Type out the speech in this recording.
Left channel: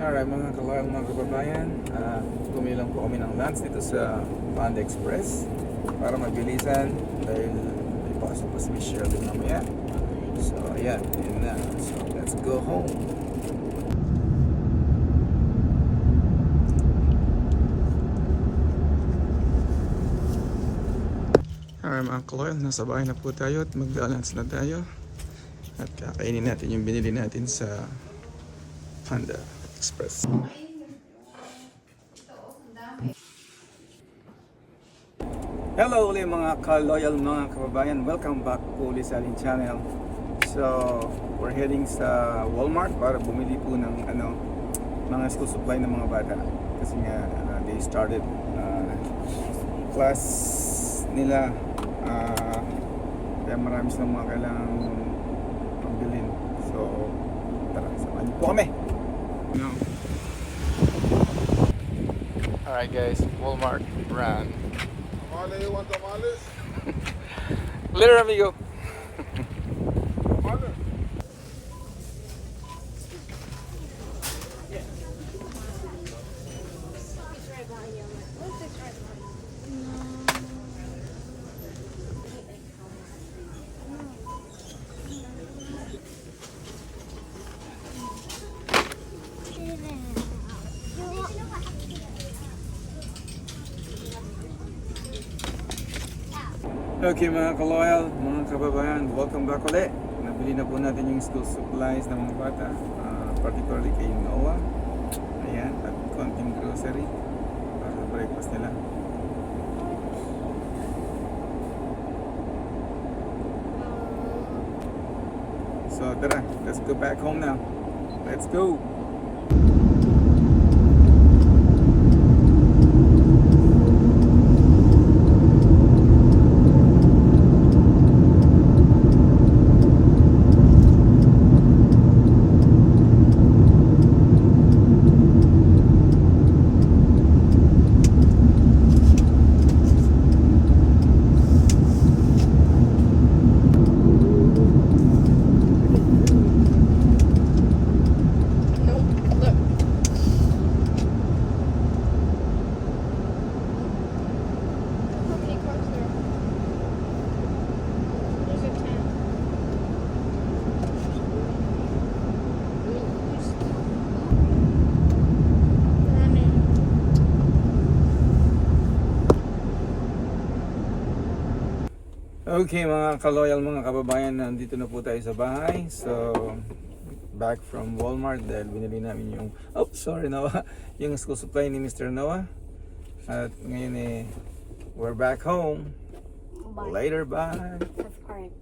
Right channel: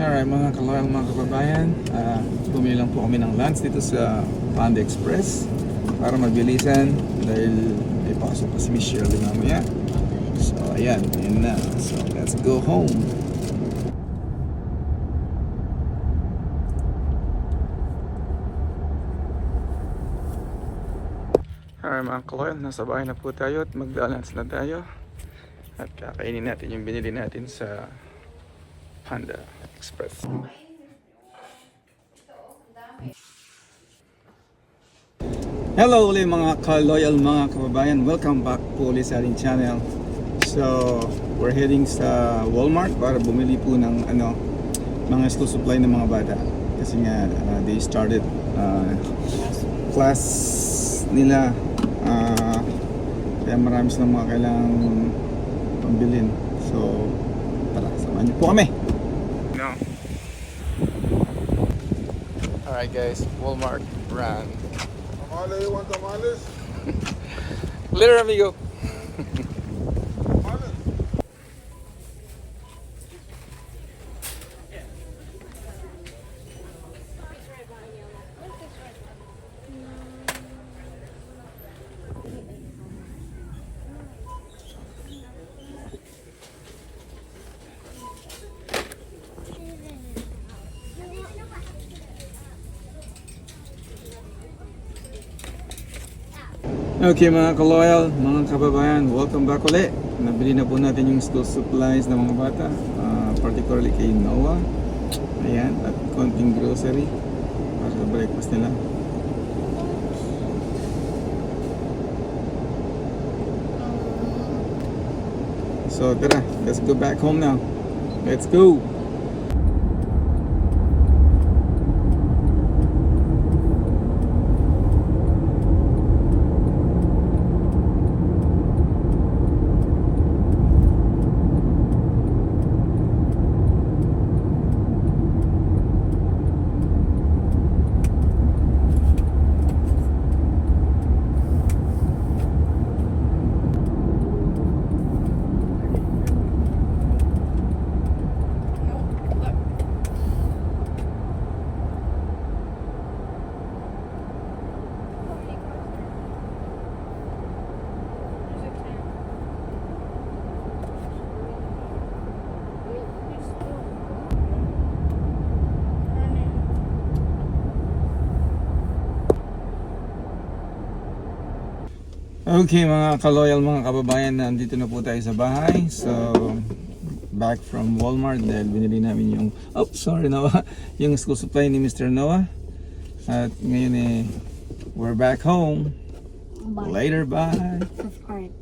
Alright mga kaloyal, mga kababayan, bumili lang po kami ng lunch dito sa Panda Express para mabilisan dahil may pasok pa si Miss Shirley mamaya. So ayan, yun na. So let's go home. Alright mga kaloyal, nasa bahay na po tayo at mag-lunch na tayo at kakainin natin yung binili natin sa Panda Express. Hello ulit mga ka-loyal mga kababayan, welcome back po ulit sa ating channel. So we're heading sa Walmart para bumili po ng mga school supply ng mga bata kasi nga they started class nila, kaya marami silang mga kailangang pambilin. So tara, samahan niyo po kami. No. Alright guys, Walmart run. Tamales, you want tamales? Later amigo. Tamales. Okay mga ka-loyal, mga kababayan, welcome back ulit. Nabili na po natin yung school supplies ng mga bata, particularly kay Noah. Ayan, at konting grocery para sa breakfast nila. So tara, let's go back home now. Let's go! Okay mga ka-loyal, mga kababayan, nandito na po tayo sa bahay. So back from Walmart dahil binili namin yung Noah, yung school supply ni Mr. Noah. At ngayon we're back home. Bye. Later, bye. Alright.